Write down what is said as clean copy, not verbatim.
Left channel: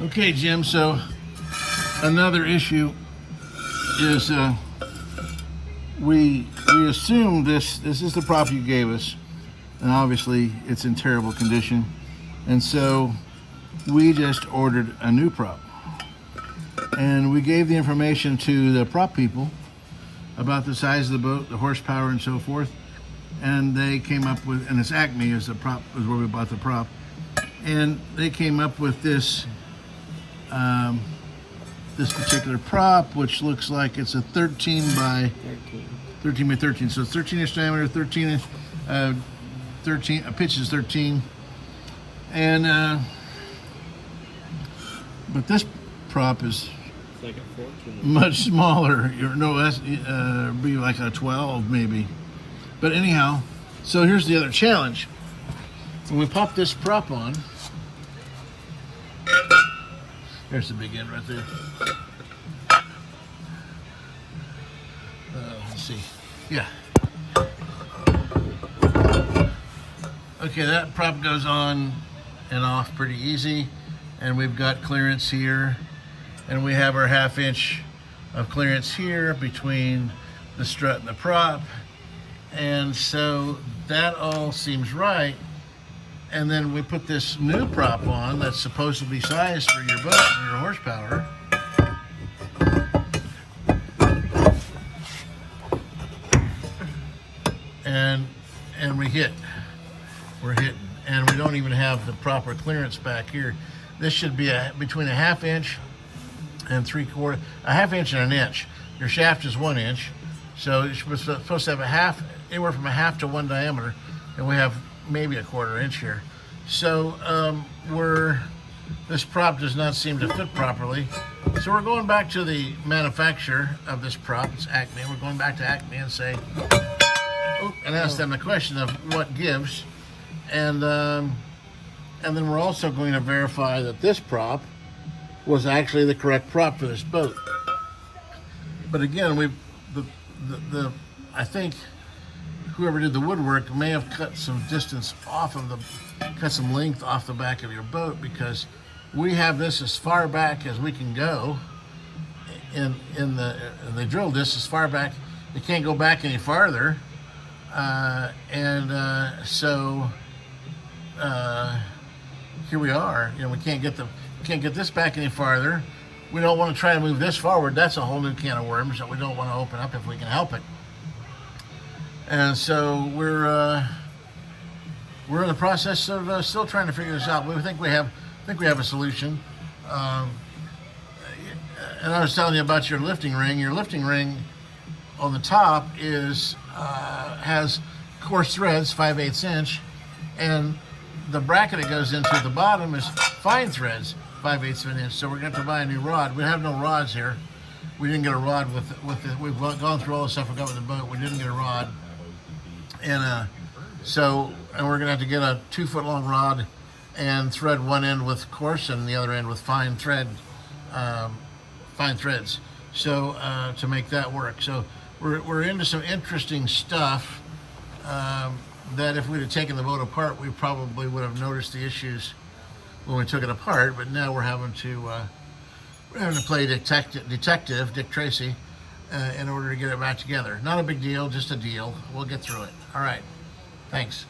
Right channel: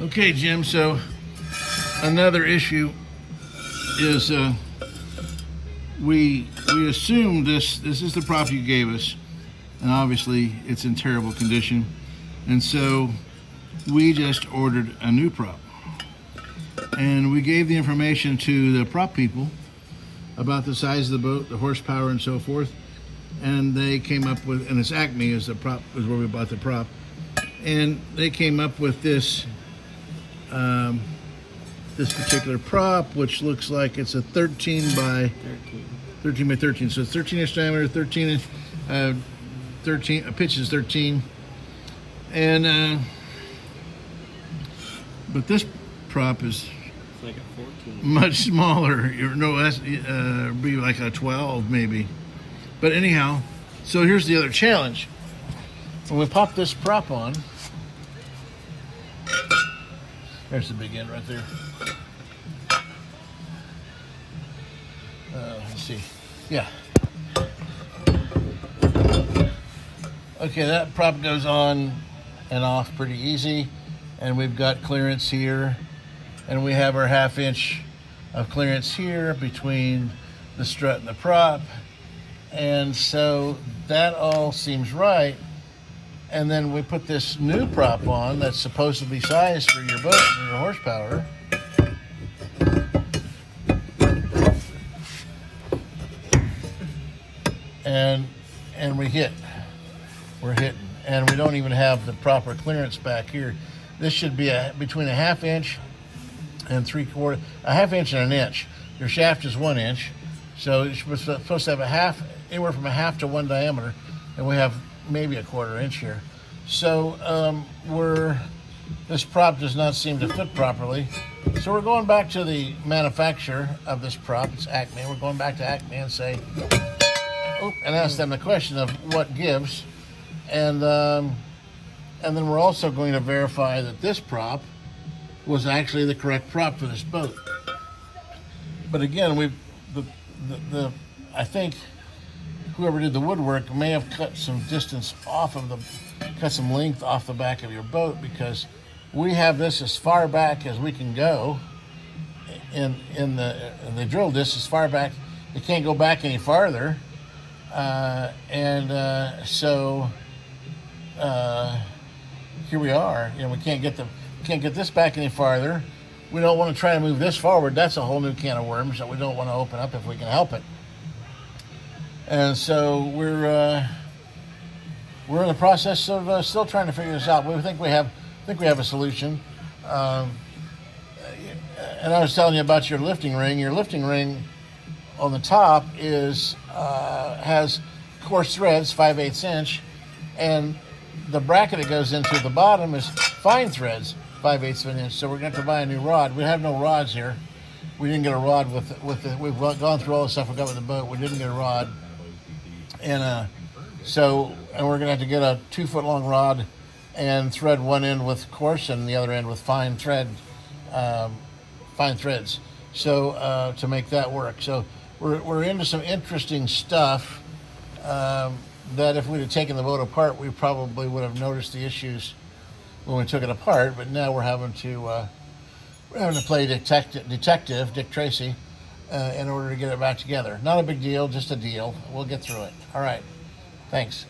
Okay, Jim, so another issue is we assume this is the prop you gave us, and obviously it's in terrible condition, and so we just ordered a new prop. And we gave the information to the prop people about the size of the boat, the horsepower, and so forth. And they came up with, and it's Acme is the prop, is where we bought the prop. And they came up with this this particular prop, which looks like it's a 13 by 13. So it's 13-inch diameter, 13 pitch is 13, and but this prop is like a 14. much smaller. No, that's be like a 12 maybe. But anyhow, so here's the other challenge. When we pop this prop on, there's the big end right there. Let's see. Yeah. Okay, that prop goes on and off pretty easy. And we've got clearance here. And we have our 1/2 inch of clearance here between the strut and the prop. And so that all seems right. And then we put this new prop on that's supposed to be sized for your boat and your horsepower. And we're hitting. And we don't even have the proper clearance back here. This should be between a 1/2 inch and 3/4, a 1/2 inch and an inch. Your shaft is 1 inch. So you're supposed to have anywhere from a 1/2 to 1 diameter. And we have maybe a 1/4 inch here. So this prop does not seem to fit properly. So we're going back to the manufacturer of this prop. It's Acme. We're going back to Acme and and ask them the question of what gives. And then we're also going to verify that this prop was actually the correct prop for this boat. But again, I think whoever did the woodwork may have cut some distance off of cut some length off the back of your boat, because we have this as far back as we can go. And they drilled this as far back, you can't go back any farther. So here we are. You know, we can't get this back any farther. We don't want to try to move this forward. That's a whole new can of worms that we don't want to open up if we can help it. And so we're in the process of still trying to figure this out. We think we have a solution. And I was telling you about your lifting ring. Your lifting ring on the top has coarse threads, 5/8 inch, and the bracket it goes into the bottom is fine threads, 5/8 of an inch. So we're going to have to buy a new rod. We have no rods here. We didn't get a rod with the. We've gone through all the stuff we got with the boat. We didn't get a rod, and we're going to have to get a 2-foot long rod and thread one end with coarse and the other end with fine threads. So to make that work. So we're into some interesting stuff that if we'd have taken the boat apart, we probably would have noticed the issues when we took it apart. But now we're having to play detective Dick Tracy in order to get it back together. Not a big deal, just a deal. We'll get through it. All right. Thanks.